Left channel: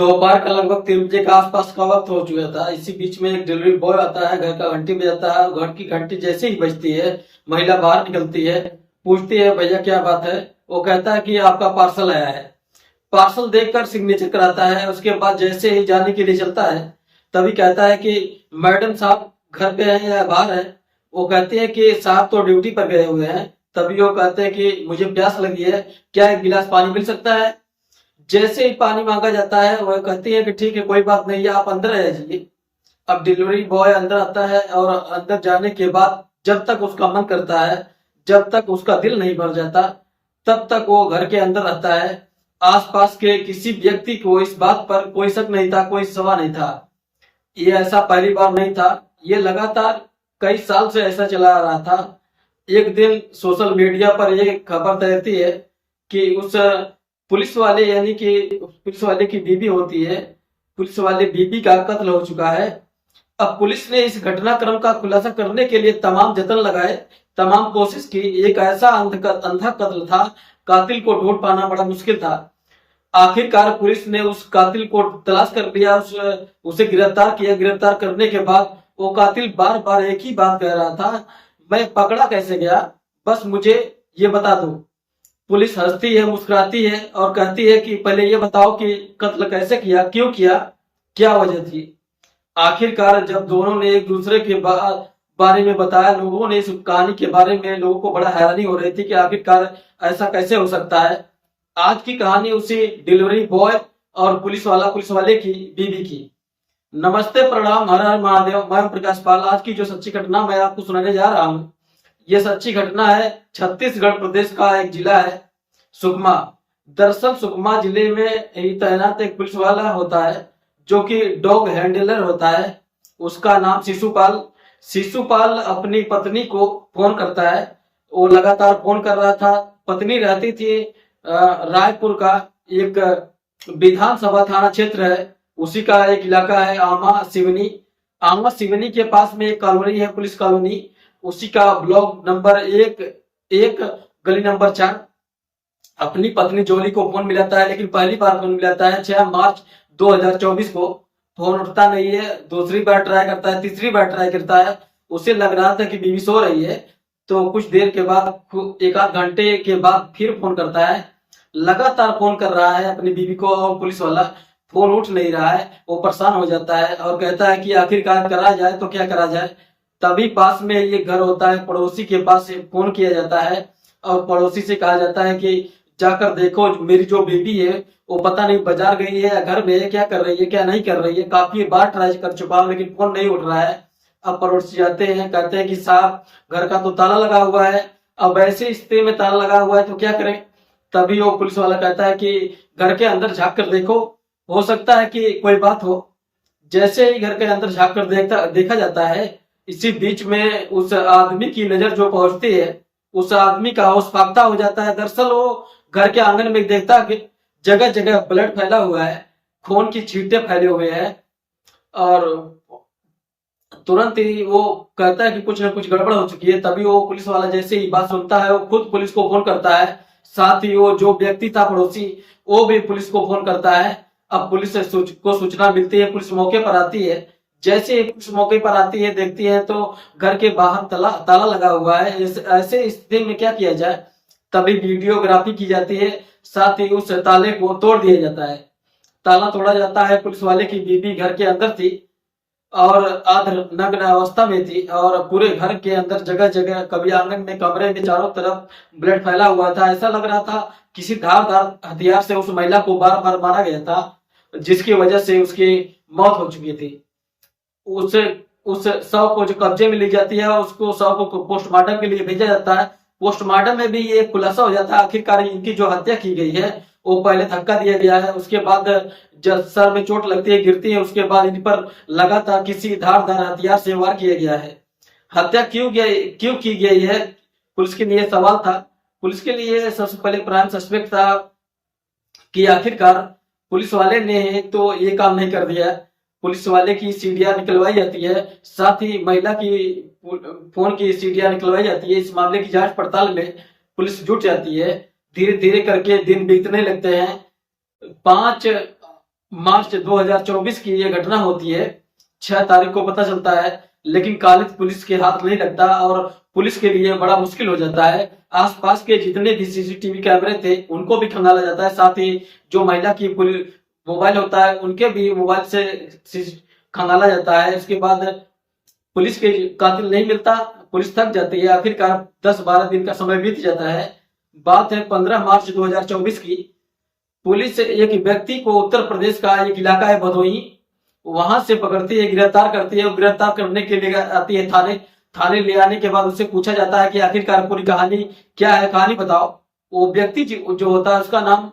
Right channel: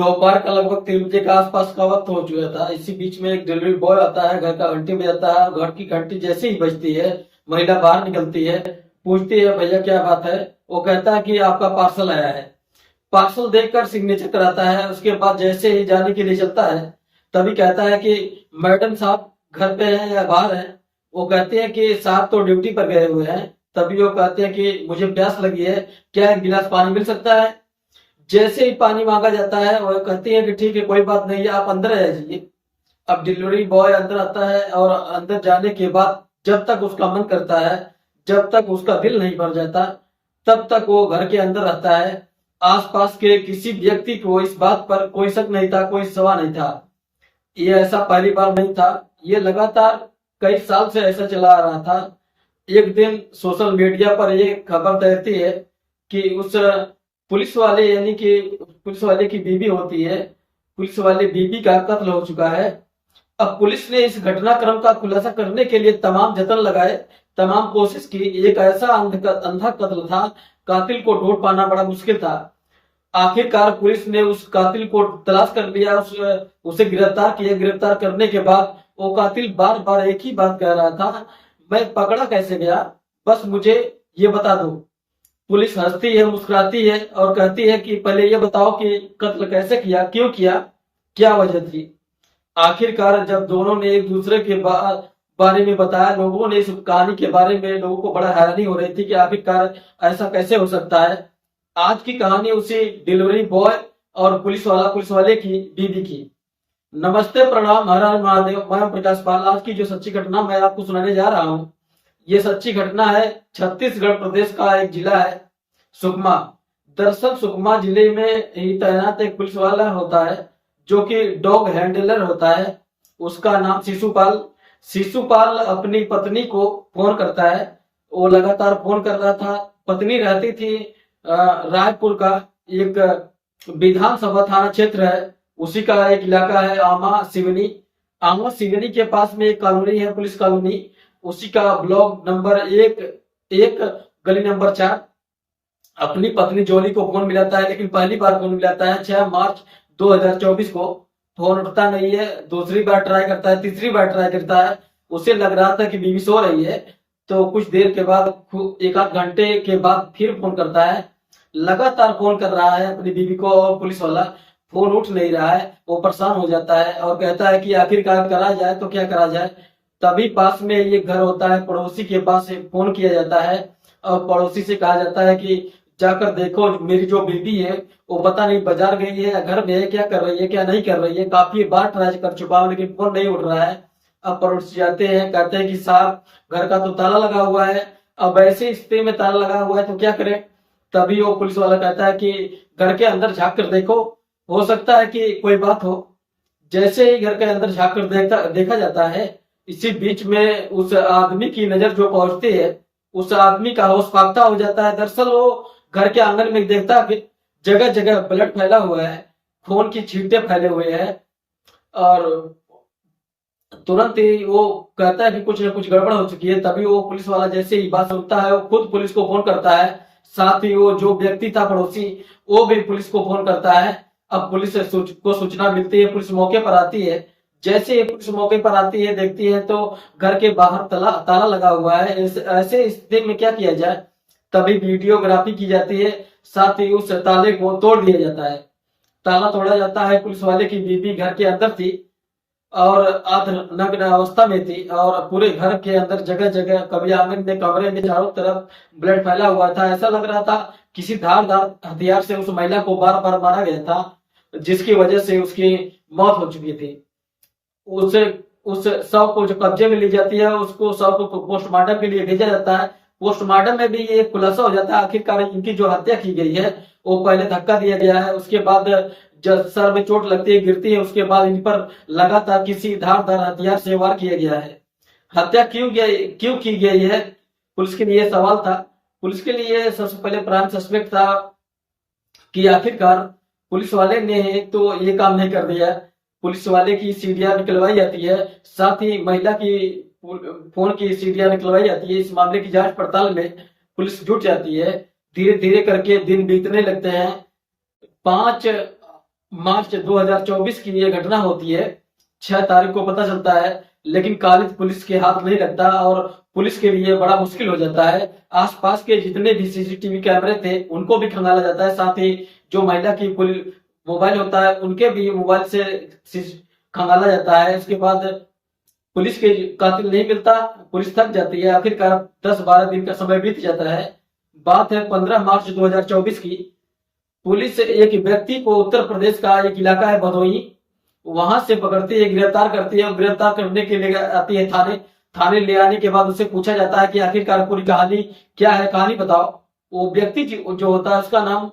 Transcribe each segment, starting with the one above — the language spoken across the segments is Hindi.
दोपहर का लगभग 3 बजे के आसपास का वक्त हो चुका था। इसी बीच में एक डिलीवरी बॉय आता है, घर का घंटी बजाता है। घर की घंटी जैसे ही बजती है, महिला बाहर निकलती है, पूछती है भैया क्या बात है। वो कहता है कि आपका पार्सल आया है। पार्सल देखकर सिग्नेचर कराता है। उसके बाद जैसे ही जाने के लिए चलता है, तभी कहता है कि मैडम साहब घर पे हैं या बाहर हैं। वो कहते हैं कि साहब तो ड्यूटी पर गए हुए हैं। तभी वो कहते हैं कि मुझे प्यास लगी है, क्या एक गिलास पानी मिल सकता है। जैसे ही पानी मांगा जाता है, वह कहती है कि ठीक है कोई बात नहीं है, आप अंदर आ जाइए। अब डिलीवरी बॉय अंदर आता है और अंदर जाने के बाद जब तक उसका मन करता है, जब तक उसका दिल नहीं भर जाता, तब तक वो घर के अंदर रहता है। आसपास के किसी व्यक्ति को इस बात पर कोई शक नहीं था, कोई सवाल नहीं था। ये ऐसा पहली बार नहीं था, ये लगातार कई साल से ऐसा चला आ रहा था। एक दिन सोशल मीडिया पर ये खबर तैरती है कि उस पुलिस वाले यानी कि पुलिस वाले की बीवी होती है, पुलिस वाले बीवी का कत्ल हो चुका है। अब पुलिस ने इस घटनाक्रम का खुलासा करने के लिए तमाम जतन लगाए, तमाम कोशिश की। एक ऐसा अंधा कत्ल था, कातिल को ढूंढ पाना बड़ा मुश्किल था। आखिरकार पुलिस ने उस कातिल को तलाश कर लिया, उसे गिरफ्तार किया। गिरफ्तार करने के बाद वो कातिल बार बार एक ही बात कह रहा था, मैं पकड़ा कैसे गया, बस मुझे ये बता दो। पुलिस हंसती है, मुस्कुराती है और कहती है कि पहले ये बताओ कि कत्ल कैसे किया, क्यों किया, क्या वजह थी। आखिरकार जब दोनों ने एक दूसरे के बारे में बताया, लोगों ने इस कहानी के बारे में, लोगों को बड़ा हैरानी हो रही थी कि आखिरकार ऐसा कैसे हो सकता है। आज की कहानी उसी डिलीवरी बॉय और पुलिस वाले की बीवी की। नमस्ते, प्रणाम, हर हर महादेव। मैं ओम प्रकाश पाल। आज की जो सच्ची घटना मैं आपको सुनाने जा रहा हूँ, ये सच्ची घटना है। छत्तीसगढ़ प्रदेश का एक जिला है सुकमा। दरअसल सुकमा जिले में ही तैनात एक पुलिस वाला होता है, जो कि डॉग हैंडलर होता है। उसका नाम शिशुपाल। शिशुपाल अपनी पत्नी को फोन करता है। वो लगातार फोन कर रहा था। पत्नी रहती थी रायपुर का एक विधानसभा थाना क्षेत्र है, उसी का एक इलाका है आमा सिवनी। आमा सिवनी के पास में एक कॉलोनी है, पुलिस कॉलोनी। उसी का ब्लॉक नंबर 1 गली नंबर 4। अपनी पत्नी जोली को फोन मिलाता है, लेकिन पहली बार फोन मिलाता है 6 मार्च 2024 को। फोन उठता नहीं है। दूसरी बार ट्राई करता है, तीसरी बार ट्राई करता है। उसे लग रहा था कि बीवी सो रही है, तो कुछ देर के बाद, एक आध घंटे के बाद फिर फोन करता है। लगातार फोन कर रहा है अपनी बीवी को, और पुलिस वाला फोन उठ नहीं रहा है। वो परेशान हो जाता है और कहता है कि आखिरकार करा जाए तो क्या करा जाए। तभी पास में ये घर होता है, पड़ोसी के पास से फोन किया जाता है और पड़ोसी से कहा जाता है कि जाकर देखो, मेरी जो बीवी है वो पता नहीं बाजार गई है, घर में है, क्या कर रही है, क्या नहीं कर रही है। काफी बार ट्राई कर चुका हूँ, लेकिन फोन नहीं उठ रहा है। अब पड़ोसी जाते हैं, कहते हैं कि साहब घर का तो ताला लगा हुआ है। अब ऐसी स्थिति में ताला लगा हुआ है तो क्या करें। तभी वो पुलिस वाला कहता है कि घर के अंदर झांक कर देखो, हो सकता है कि कोई बात हो। जैसे ही घर के अंदर झांक कर देखा जाता है, इसी बीच में उस आदमी की नजर जो पहुंचती है, उस आदमी का होश फाख्ता हो जाता है। दरअसल वो घर के आंगन में देखता है कि जगह जगह ब्लड फैला हुआ है, खून की छींटे फैले हुए हैं। और तुरंत ही वो कहता है कि कुछ न कुछ गड़बड़ हो चुकी है। तभी वो पुलिस वाला जैसे ही बात सुनता है, वो खुद पुलिस को फोन करता है। साथ ही वो जो व्यक्ति था पड़ोसी, वो भी पुलिस को फोन करता है। अब पुलिस को सूचना मिलती है, पुलिस मौके पर आती है। जैसे ही पुलिस मौके पर आती है, देखती है तो घर के बाहर ताला लगा हुआ है। ऐसे स्थिति में क्या किया जाए। तभी वीडियोग्राफी की जाती है, साथ ही उस ताले को तोड़ दिया जाता है। ताला तोड़ा जाता है। पुलिस वाले की बीवी घर के अंदर थी और नग्न अवस्था में थी, और पूरे घर के अंदर जगह जगह, कभी आंगन में, कमरे में, चारों तरफ ब्लड फैला हुआ था। ऐसा लग रहा था किसी धारदार हथियार से उस महिला को बार बार मारा गया था, जिसकी वजह से उसकी मौत हो चुकी थी। उसे उस शव को जो कब्जे में ली जाती है, उसको शव को पोस्टमार्टम के लिए भेजा जाता है। पोस्टमार्टम में भी ये खुलासा हो जाता है आखिरकार इनकी जो हत्या की गई है, वो पहले धक्का दिया गया है, उसके बाद जब सर में चोट लगती है, गिरती है, उसके बाद इन पर लगातार किसी धारदार हथियार से वार किया गया है। हत्या क्यों की गई है, पुलिस के लिए सवाल था। पुलिस के लिए सबसे पहले प्राइम सस्पेक्ट था कि आखिरकार पुलिस वाले ने तो ये काम नहीं कर दिया। पुलिस वाले की सीडियां निकलवाई जाती है, साथ ही महिला की फोन की सीडियां निकलवाई जाती है। इस मामले की जांच पड़ताल में पुलिस जुट जाती है। धीरे धीरे करके दिन बीतने लगते हैं। 5 मार्च 2024 की ये घटना होती है। 6 तारीख को पता चलता है, लेकिन कालिद पुलिस के हाथ नहीं लगता और पुलिस के लिए बड़ा मुश्किल हो जाता है। आसपास के जितने भी सीसीटीवी कैमरे थे उनको भी खंगाला जाता है, साथ ही जो महिला की मोबाइल होता है उनके भी मोबाइल से खंगाला जाता है। इसके बाद पुलिस के कातिल नहीं मिलता, पुलिस थक जाती है। आखिरकार 10-12 दिन का समय बीत जाता है। बात है 15 मार्च 2024 की। पुलिस एक व्यक्ति को उत्तर प्रदेश का एक इलाका है भदोही, वहां से पकड़ती है, गिरफ्तार करती है और गिरफ्तार करने के लिए आती है थाने। थाने ले आने के बाद उससे पूछा जाता है कि आखिरकार पूरी कहानी क्या है, कहानी बताओ। वो व्यक्ति जो होता है उसका नाम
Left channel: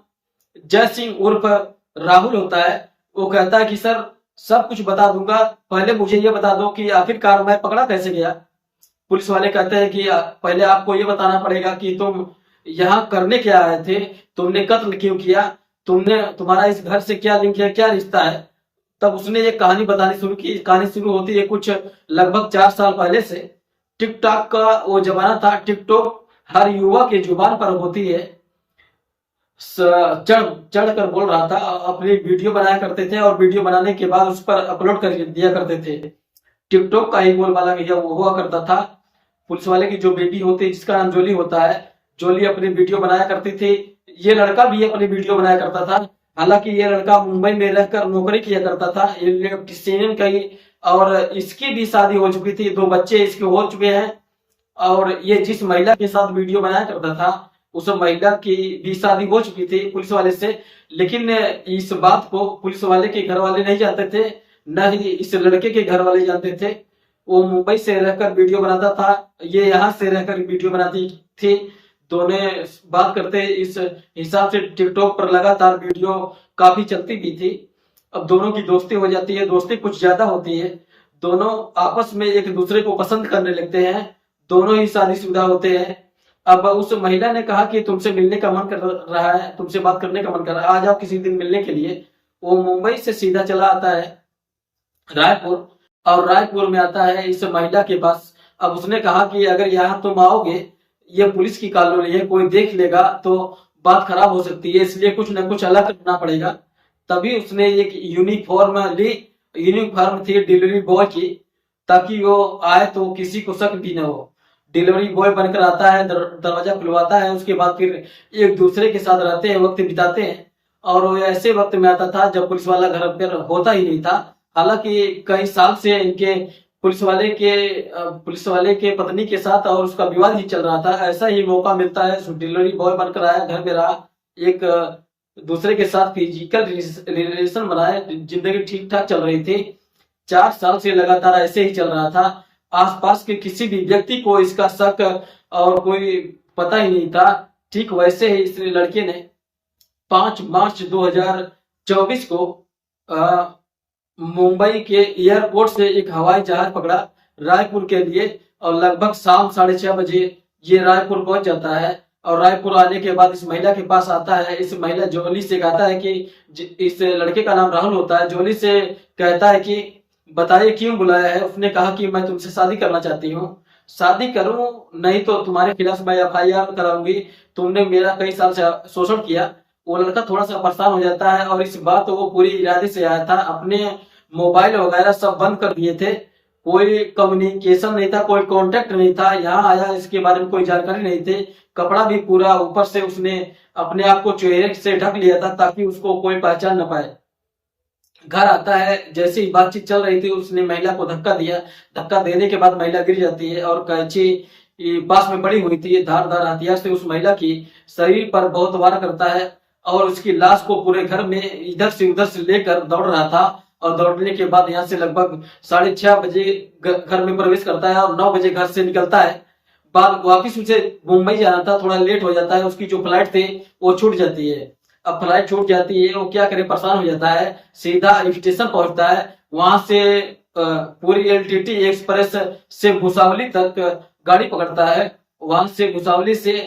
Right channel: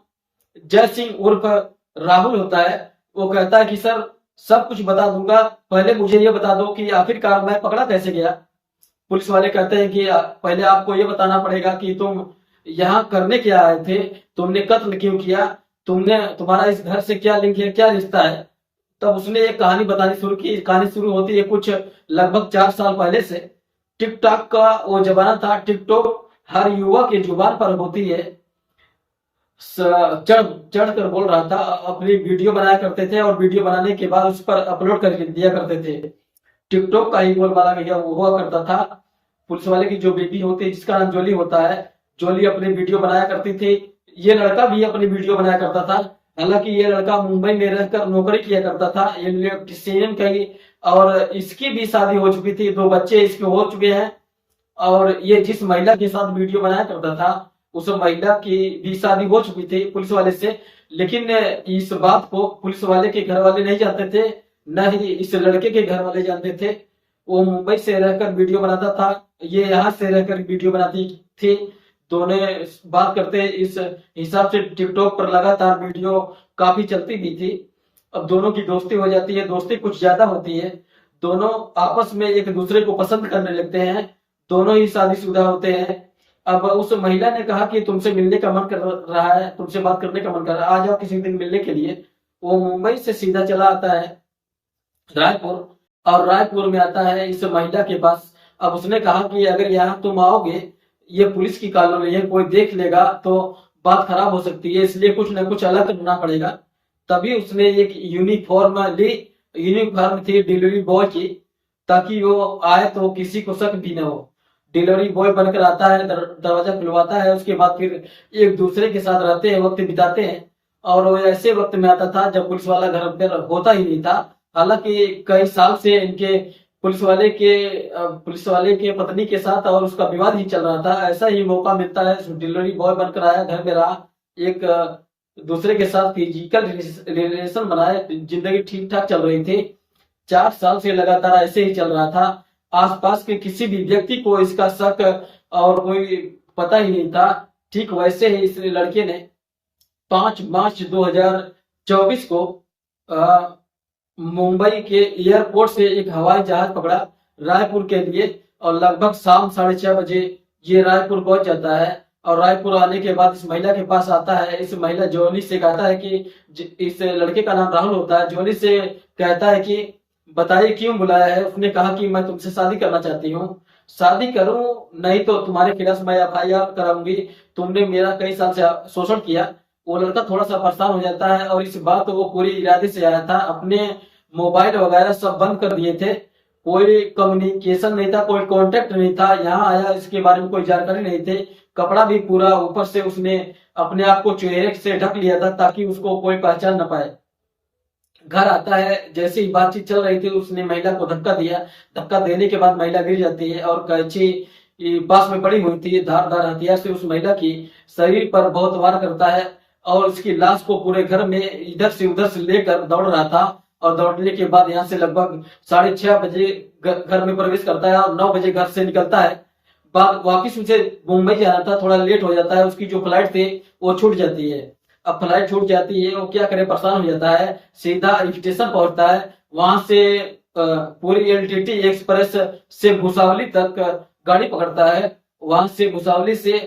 जय सिंह उर्फ राहुल होता है। वो कहता है कि सर सब कुछ बता दूंगा, पहले मुझे ये बता दो कि आखिरकार मैं पकड़ा कैसे गया। पुलिस वाले कहते हैं कि पहले आपको ये बताना पड़ेगा कि तुम यहाँ करने क्या आए थे, तुमने कत्ल क्यों किया, तुम्हारा इस घर से क्या लिंक है, क्या रिश्ता है। तब उसने एक कहानी बतानी शुरू की। कहानी शुरू होती है कुछ लगभग 4 साल पहले से। टिकटॉक का वो जमाना था, टिकटॉक हर युवा की जुबान पर होती है। चढ़ चढ़ कर बोल रहा था, अपनी वीडियो बनाया करते थे और वीडियो बनाने के बाद उस पर अपलोड कर दिया करते थे। टिकटॉक का ही बोलबाला भैया वो हुआ करता था। पुलिस वाले की जो बेबी होती है जिसका नाम जोली होता है, जोली अपनी वीडियो बनाया करती थी। ये लड़का भी अपनी वीडियो बनाया करता था। हालांकि ये लड़का मुंबई में रहकर नौकरी किया करता था, ये इलेक्ट्रीशियन का ही, और इसकी भी शादी हो चुकी थी, 2 बच्चे इसके हो चुके हैं। और ये जिस महिला के साथ वीडियो बनाया करता था उस महिला की भी शादी हो चुकी थी पुलिस वाले से। लेकिन इस बात को पुलिस वाले के घर वाले नहीं जानते थे, न ही इस लड़के के घर वाले जानते थे। वो मुंबई से रहकर वीडियो बनाता था, ये यहाँ से रहकर वीडियो बनाती थी। दोनों बात करते इस हिसाब से टिकटॉक पर लगातार वीडियो काफी चलती भी थी। अब दोनों की दोस्ती हो जाती है, दोस्ती कुछ ज्यादा होती है। दोनों आपस में एक दूसरे को पसंद करने लगते हैं, दोनों ही शादीशुदा होते हैं। अब उस महिला ने कहा कि तुमसे मिलने का मन कर रहा है, तुमसे बात करने का मन कर रहा है, आ जाओ किसी दिन मिलने के लिए। वो मुंबई से सीधा चला आता है रायपुर, और रायपुर में आता है इस महिला के पास। अब उसने कहा कि अगर यहाँ तुम आओगे, ये पुलिस की कॉलोनी है, कोई देख लेगा तो बात खराब हो सकती है, इसलिए कुछ ना कुछ अलग करना पड़ेगा। तभी उसने एक यूनिफॉर्म ली। यूनिफॉर्म थी डिलीवरी बॉय की, ताकि वो आए तो किसी को शक भी ना हो। डिलीवरी बॉय बनकर आता है, दरवाजा खुलवाता है, उसके बाद फिर एक दूसरे के साथ रहते हैं, वक्त बिताते हैं। और वो ऐसे वक्त में आता था जब पुलिस वाला घर पर होता ही नहीं था। हालांकि कई साल से इनके पुलिस वाले के पत्नी के साथ और उसका विवाद ही चल रहा था। ऐसा ही मौका मिलता है, डिलीवरी बॉय बनकर आया, घर में रहा, एक दूसरे के साथ फिजिकल रिलेशन बनाए, जिंदगी ठीक ठाक चल रही थी। 4 साल से लगातार ऐसे ही चल रहा था। आसपास के किसी भी व्यक्ति को इसका शक और कोई पता ही नहीं था। ठीक वैसे ही इस लड़के ने 5 मार्च 2024 को मुंबई के एयरपोर्ट से एक हवाई जहाज पकड़ा रायपुर के लिए, और लगभग शाम 6:30 बजे ये रायपुर पहुंच जाता है। और रायपुर आने के बाद इस महिला के पास आता है। इस महिला जोली से कहता है कि इस लड़के का नाम राहुल होता है। जोली से कहता है कि बताइए क्यों बुलाया है। उसने कहा कि मैं तुमसे शादी करना चाहती हूँ, शादी करूं नहीं तो तुम्हारे खिलाफ मैं FIR कराऊंगी, तुमने मेरा कई साल से शोषण किया। वो लड़का थोड़ा सा परेशान हो जाता है, और इस बात तो वो पूरी इरादे से आया था। अपने मोबाइल वगैरह सब बंद कर दिए थे, कोई कम्युनिकेशन नहीं था, कोई कांटेक्ट नहीं था। यहाँ आया, इसके बारे में कोई जानकारी नहीं थी। कपड़ा भी पूरा ऊपर से उसने अपने आप को चेहरे से ढक लिया था ताकि उसको कोई पहचान न पाए। घर आता है, जैसे ही बातचीत चल रही थी उसने महिला को धक्का दिया। धक्का देने के बाद महिला गिर जाती है और कैंची पास में पड़ी हुई थी, धारदार हथियार से उस महिला की शरीर पर बहुत वार करता है और उसकी लाश को पूरे घर में इधर से उधर से लेकर दौड़ रहा था। और दौड़ने के बाद यहाँ से लगभग 6:30 बजे घर में प्रवेश करता है और 9 बजे घर से निकलता है। बाद वापिस उसे मुंबई जाना था, थोड़ा लेट हो जाता है, उसकी जो फ्लाइट थी वो छूट जाती है। अब फ्लाइट छूट जाती है, वो क्या करे, परेशान हो जाता है। सीधा स्टेशन पहुंचता है, वहां से पूरी LTT एक्सप्रेस से भुसावली तक गाड़ी पकड़ता है। वहां से भुसावली से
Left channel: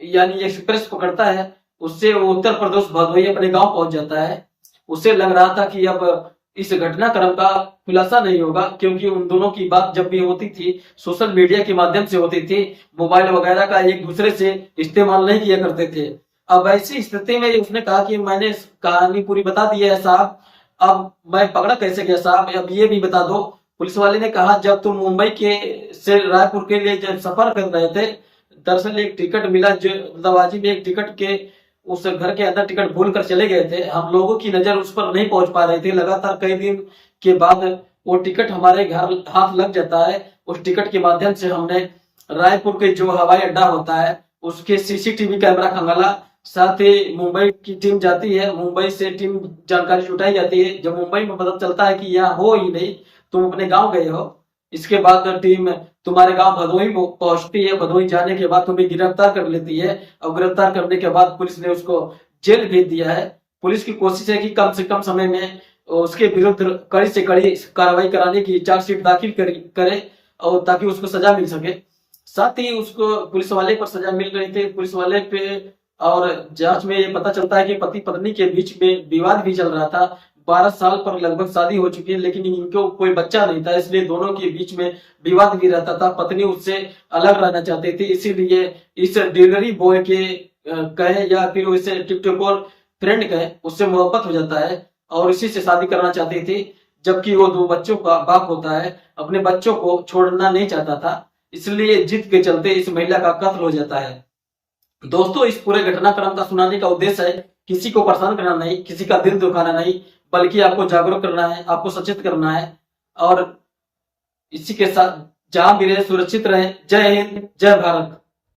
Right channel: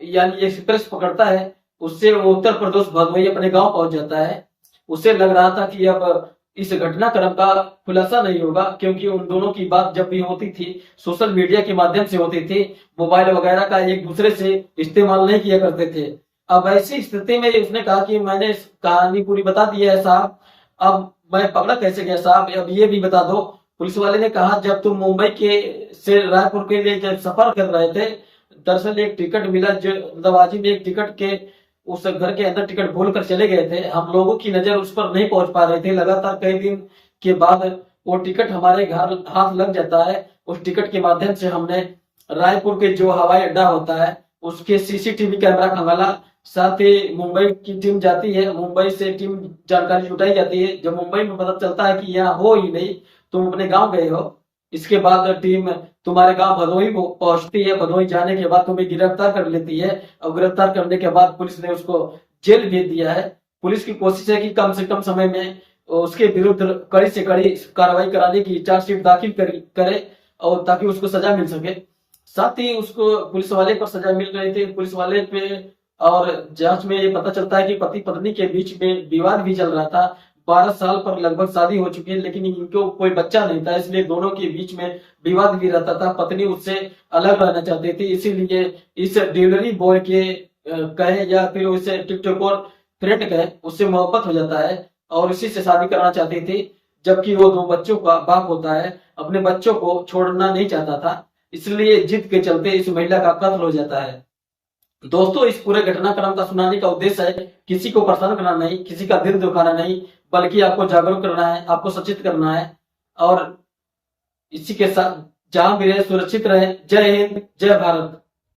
यानी एक्सप्रेस पकड़ता है, उससे वो उत्तर प्रदेश भदोही अपने गांव पहुंच जाता है। उसे लग रहा था कि अब इस घटनाक्रम का खुलासा नहीं होगा, क्योंकि उन दोनों की बात जब भी होती थी सोशल मीडिया के माध्यम से होती थी, मोबाइल वगैरह का एक दूसरे से इस्तेमाल नहीं किया करते थे। अब ऐसी स्थिति में उसने कहा कि मैंने कहानी पूरी बता दी है साहब, अब मैं पकड़ा कैसे गया साहब, अब ये भी बता दो। पुलिस वाले ने कहा जब तुम मुंबई के से रायपुर के लिए जब सफर कर रहे थे, दरअसल एक टिकट मिला जो दवाजी में, एक टिकट के उस घर के अंदर टिकट भूल कर चले गए थे, हम लोगों की नजर उस पर नहीं पहुंच पा रहे थे, लगातार कई दिन के बाद वो टिकट हमारे घर हाथ लग जाता है। उस टिकट के माध्यम से हमने रायपुर के जो हवाई अड्डा होता है उसके सीसीटीवी कैमरा खंगाला, साथ ही मुंबई की टीम जाती है, मुंबई से टीम जानकारी जुटाई जाती है। जब मुंबई में पता चलता है कि यहाँ हो ही नहीं, तुम अपने गांव गए हो, इसके बाद टीम तुम्हारे गांव भदोही पहुंचती है, भदोही जाने के बाद तुम्हें गिरफ्तार कर लेती है, और गिरफ्तार करने के बाद पुलिस ने उसको जेल भेज दिया है। पुलिस की कोशिश है कि कम से कम समय में उसके विरुद्ध कड़ी से कड़ी कार्रवाई कराने की चार्जशीट दाखिल करे, और ताकि उसको सजा मिल सके। साथ ही उसको पुलिस वाले पर सजा मिल रहे थे, पुलिस वाले पे, और जांच में ये पता चलता है कि पति पत्नी के बीच में विवाद भी चल रहा था। 12 साल पर लगभग शादी हो चुकी है, लेकिन इनको कोई बच्चा नहीं था, इसलिए दोनों के बीच में विवाद भी रहता था। पत्नी उससे अलग रहना चाहती थी, इसीलिए इस डिलीवरी बॉय के कहे या फिर उसे टिकटॉकर फ्रेंड कहे, उससे मोहब्बत हो जाता है और इसी से शादी करना चाहती थी। जबकि वो 2 बच्चों का बाप होता है, अपने बच्चों को छोड़ना नहीं चाहता था, इसलिए जिद के चलते इस महिला का कत्ल हो जाता है। दोस्तों, इस पूरे घटनाक्रम का सुनाने का उद्देश्य है किसी को परेशान करना नहीं, किसी का दिल दुखाना नहीं, बल्कि आपको जागरूक करना है, आपको सचेत करना है। और इसी के साथ जहां भी रहे सुरक्षित रहे। जय हिंद, जय भारत।